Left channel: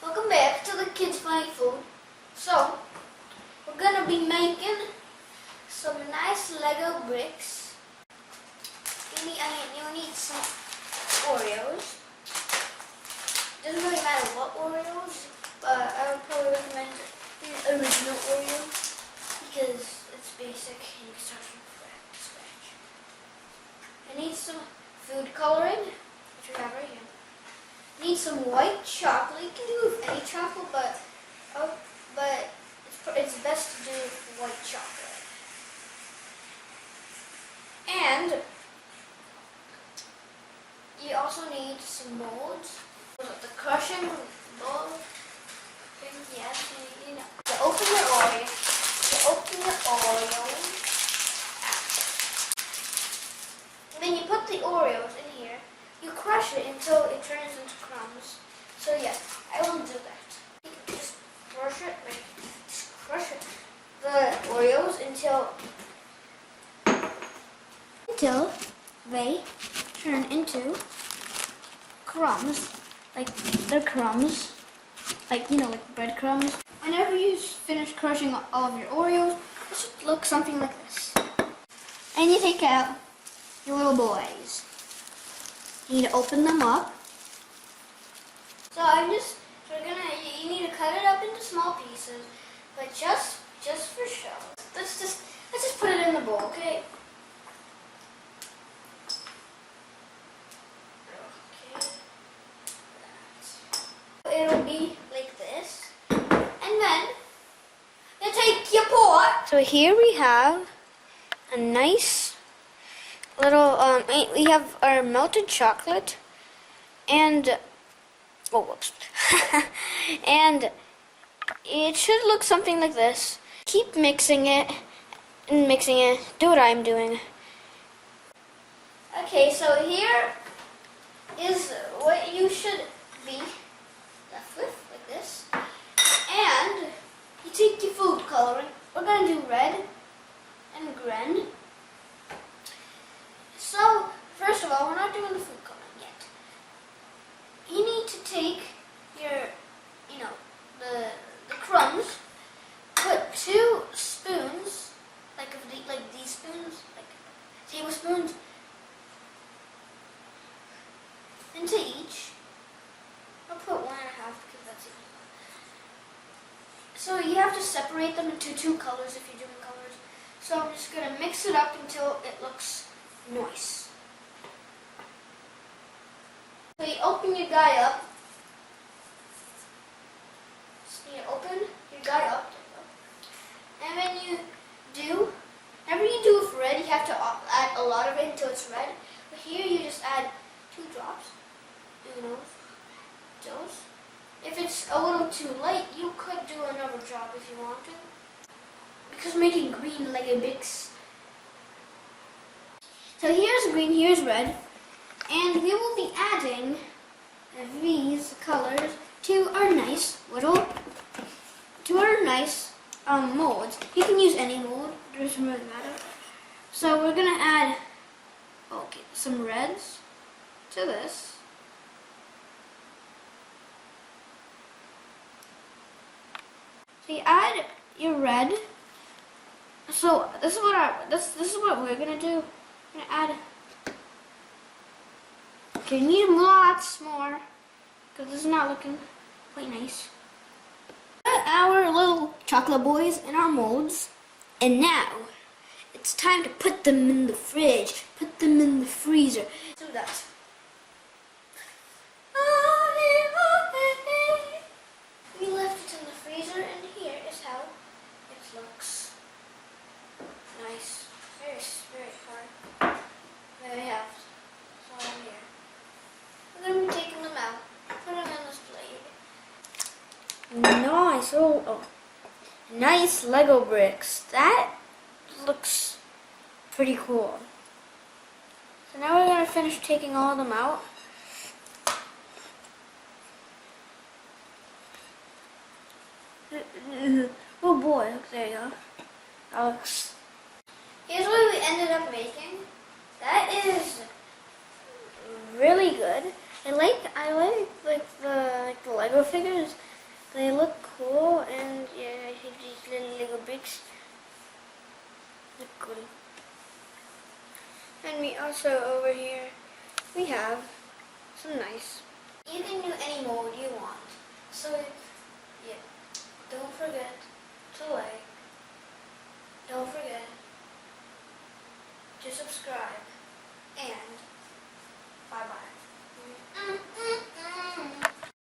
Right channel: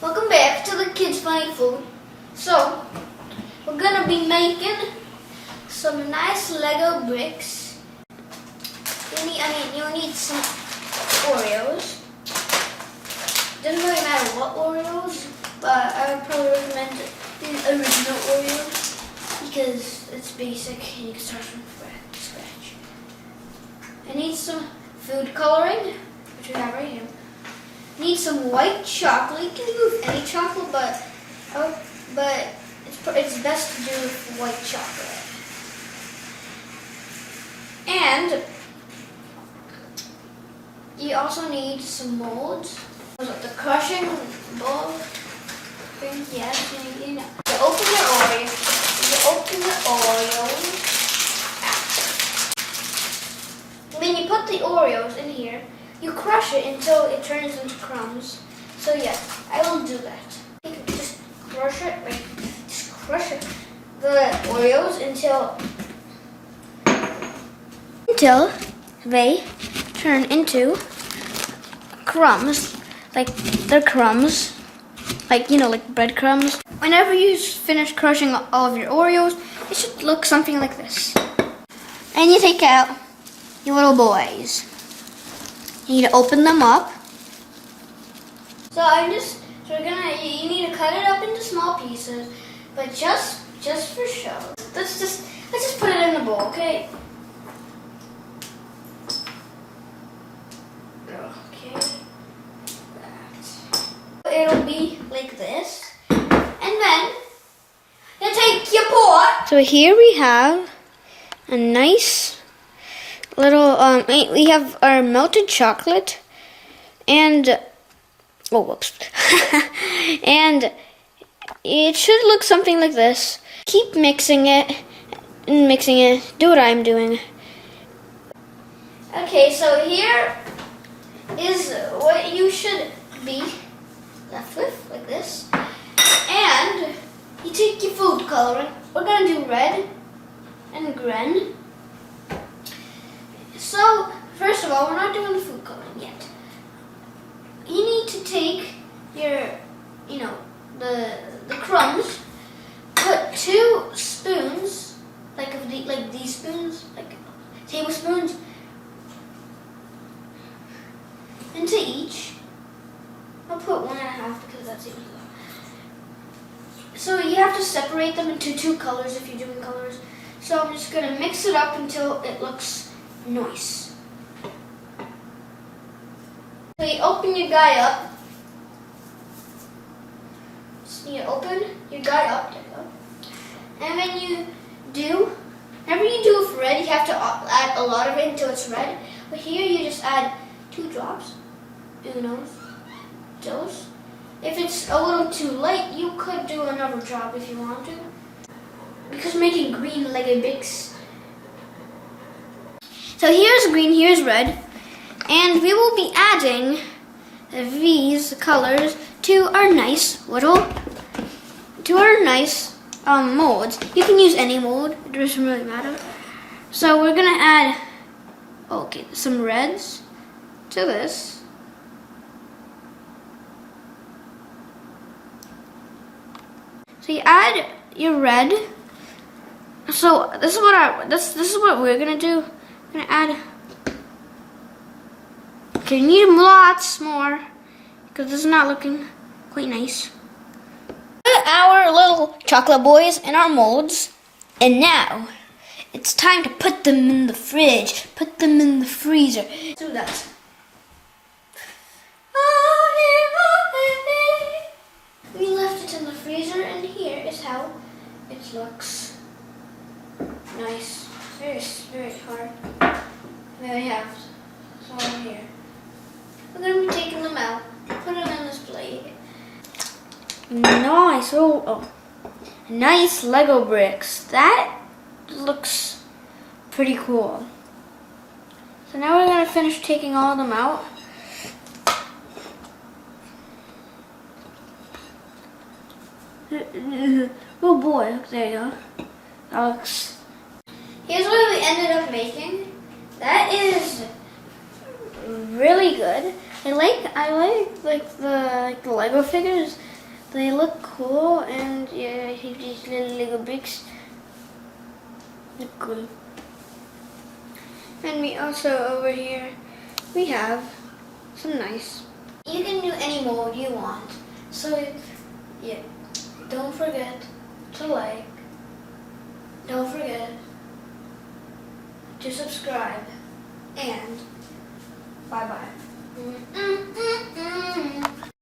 Welcome back to the Kids Funny Food. So, we're gonna be making some nice Lego bricks. You'll need some Oreos. Doesn't really matter what Oreos, but I would probably recommend the original Oreos because it's basic and you can start from scratch. I need some food coloring, which we have right here. Need some white chocolate. You can do with any chocolate, but it's best to do with white chocolate. And you also need some molds. The crushing bowl thing. Yes, you know. You open your Oreo. You open the Oreos. Then you put the Oreos in here. You crush it until it turns into crumbs. So yeah, I will do that. You can just crush it, just crush it. The Oreos until they turn into crumbs. Like they're crumbs. Like, like breadcrumbs. Whenever you finish crushing all of your Oreos, it should look something like this. And you take out your little boys. You need to open them up. You need to cut it up into small pieces, but just for show. Let's just put it in the bowl, okay? Okay. It'll be like this, and then you take your pot. So here we have a nice little we have our melted chocolate and whoops. And it should look something like this. Keep mixing it. Do what I'm doing. Okay, so here is what you should be left with, like this. And you take your food coloring. We're gonna do red and green. So, first of all, we're not doing the food coloring yet. You need to take your, the crumbs, put 2 spoons, like these spoons, like tablespoons, into each. I'll put 1.5 because that seems low. So you have to separate them into 2 colors if you're doing colors. So I'm just gonna mix it up until it looks nice. So you open your guy up. So you open your guy up, there you go. And when whenever you do with red, you have to add a lot of it until it's red. But here you just add 2 drops. Dos. If it's a little too light, you could do another drop if you want to. Because making green like a big. So here's green, here's red, and we will be adding these colors to our nice molds. You can use any mold, it doesn't really matter. So we're gonna add, some reds to this. So you add your red. So this is what we're gonna do. I'm gonna add. Okay, you need lots more because this is not looking quite nice. Put our little chocolate boys in our molds, and now it's time to put them in the fridge. Put them in the freezer. Do that. We left it in the freezer, and here is how it looks. Nice. Very, very hard. There we have. So here. We're going to be taking them out. Put them in this plate. Nice. Nice Lego bricks. That looks pretty cool. So now we're going to finish taking all of them out. Oh boy, there you go. That looks. Here's what we ended up making. That is really good. I like the Lego figures. They look cool, and yeah, I have these little Lego bricks. Look cool. And we also over here, we have some nice. You can do any mode you want. So yeah, don't forget to like. Don't forget to subscribe. And bye bye.